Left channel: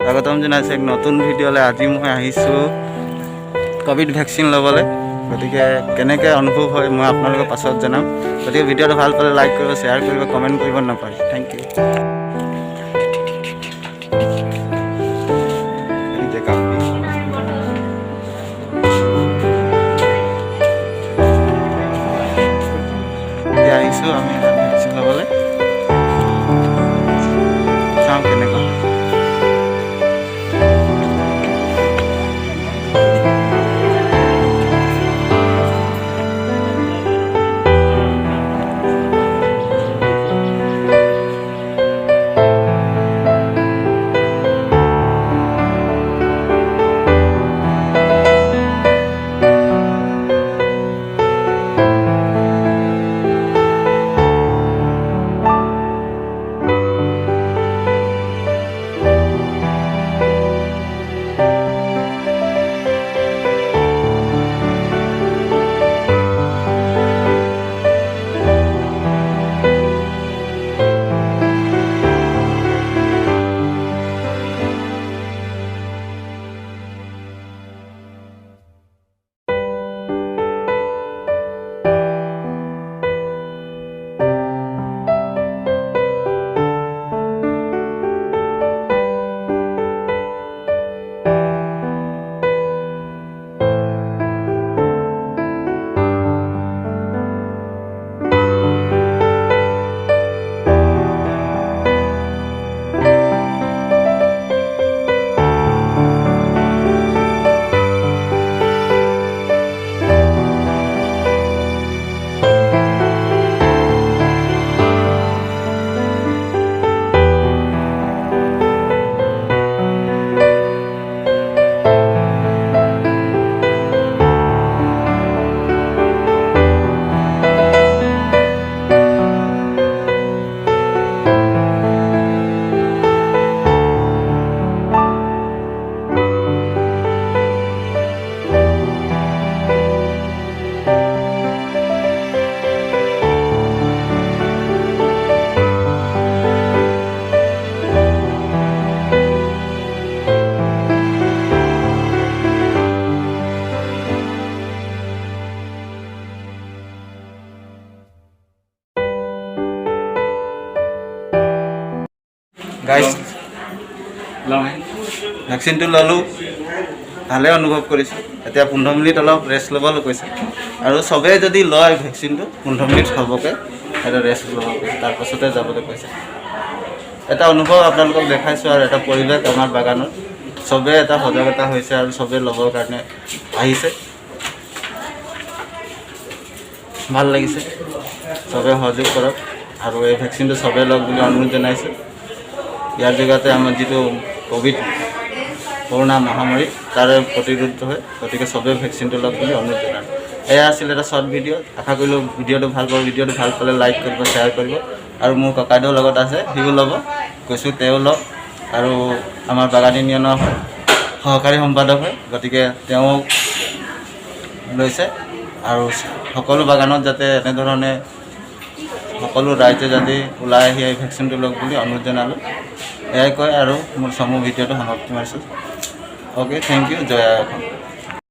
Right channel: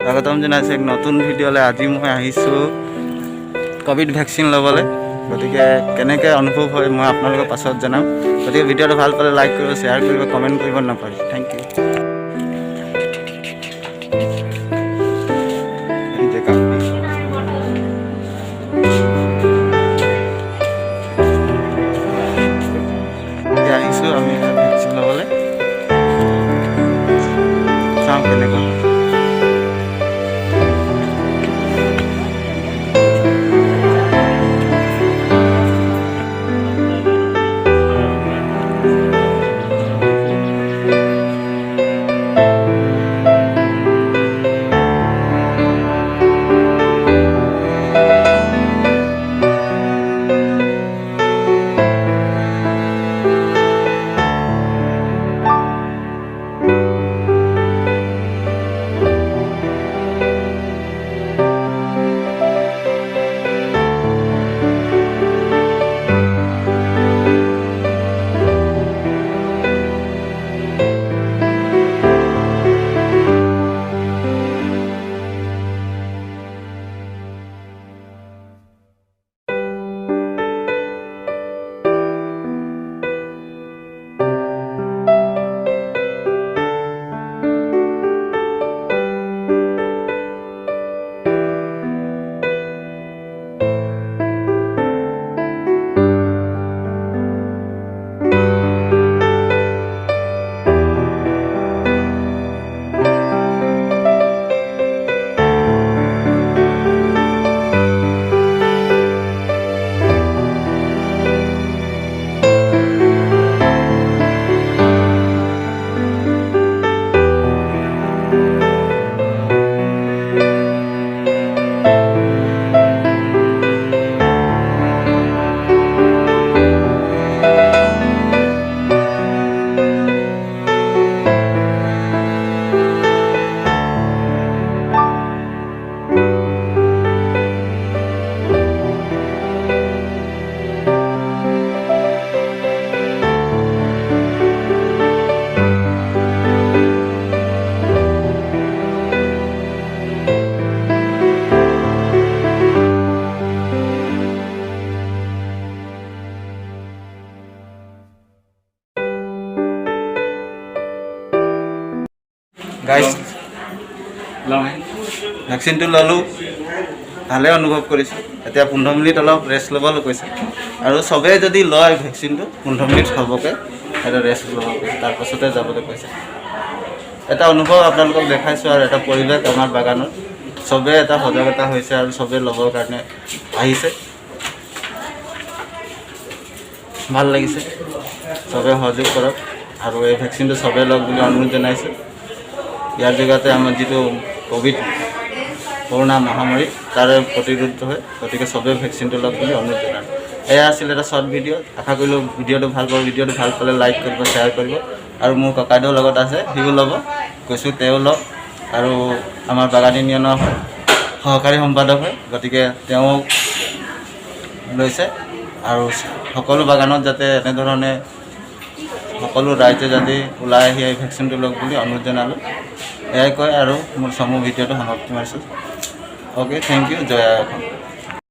স্বাগতম জনাইছোঁ এক নতুন ভিডিঅ'লৈ। আজি মই আহিছোঁ ক'ভিড ভেকচিন ল'বলৈ। গতিকে কেনেকৈ অনুভৱ হয় মই আপোনালোকৰ পাছত জনাম। গতিকে ভিডিঅ'টো ভাল পালে লাইক কৰিব, শ্বেয়াৰ কৰিব, কমেণ্ট কৰিব নাপাহৰিব। Thank you. এতিয়া আহিছোঁ আমি ভেকচিন ল'বলৈ, চাওঁ কেনেকুৱা। গাইজ ভেকচিনটো ল'লোঁ, ভালে অনুভৱ কৰিছোঁ। এতিয়া 15 মিনিট অলপ ৰেষ্ট ল'বলৈ কৈছে, আৰু চবেই যদি লয় ভেকচিনটো 15 মিনিট হ'বকৈ এটা ৰেষ্ট ল'ব কৈছে, তাৰপাছতে যাবলৈ কৈছে। এটা অনুভৱ আপোনালোকক দেখাইছোঁ, আৰু এটা পৰিৱেশ আমাৰ বাগানত চবেই এটা সজাগতা হৈছে আৰু চবেই ল'বৰ কাৰণে আহিছে। ভাল লাগিছে, চবেই সহযোগ কৰক আৰু এই ভেকচিনটো চবেই লওক বুলি অনুৰোধ জনাইছোঁ। ইয়াৰ জৰিয়তে আমাৰ যিটো কৰোণা মহামাৰী তাৰে প্ৰতিৰোধ হয়। গতিকে চবেই ভেকচিনটো লওক বুলি অনুৰোধ জনালোঁ। এয়া আছিল এটা শ্বৰ্ট ভিডিঅ'। আশা কৰিলোঁ ভিডিঅ'টো ভাল পাব। ভিডিঅ'টো ভাল পালে লাইক কৰিব, শ্বেয়াৰ কৰিব, আৰু মোৰ ককাইদেউৰ লগত আছে, সিও ল'ব কৈছোঁ, তেওঁ লওক। আৰু আমাৰ বাগান ইউনিয়নৰ সহকাৰী সম্পাদক হয়, গতিকে তেওঁ লৈছে। আৰু সকলো বাগানত যাতে এনেধৰণে সকলো ৰাইজে যাতে ওলাই আহি এই ভেকচিনটো লওক বুলি অনুৰোধ জনালোঁ। এয়াই কয় আৰু মোৰ চমু ভিডিঅ'টো সমাপ্তি মাৰিছোঁ। Okay, thank you. জয় আই অসম।